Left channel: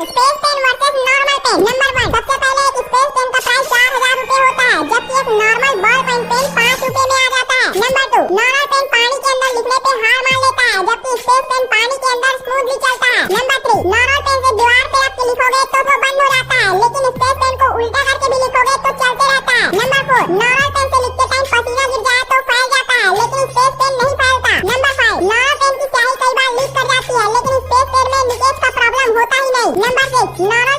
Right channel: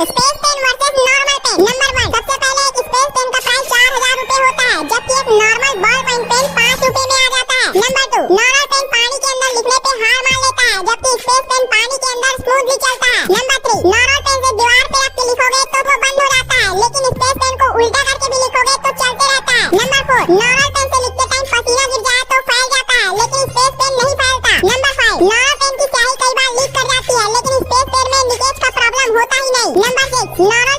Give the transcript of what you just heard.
Space pen versus normal pen. Number 1, सबसे पहले एक स्पेस पेन का प्राइस 4000 रुपए होता है, जबकि एक नॉर्मल बॉल पॉइंट पेन 5 रुपए में आ जाता है। नंबर 2, नॉर्मल पेन पानी के अंदर लिखने पे हार मान लेता है, जबकि स्पेस पेन पानी के अंदर स्मूथली चलता है। नंबर 3, नॉर्मल पेन से दीवार पे आप लिखोगे तो वो बंद हो जाता है, लेकिन स्पेस पेन को उल्टा करके भी लिखोगे तो चलते रहता है। नंबर 4, नॉर्मल पेन से लिखते टाइम पसीना गिर जाए तो फैल जाता है, लेकिन स्पेस पेन नहीं फैलता। नंबर 5, नॉर्मल पेन की स्याही कई बार लीक कर जाती है, लेकिन स्पेस पेन में लीकेज का प्रॉब्लम होता ही नहीं। Number 6, normal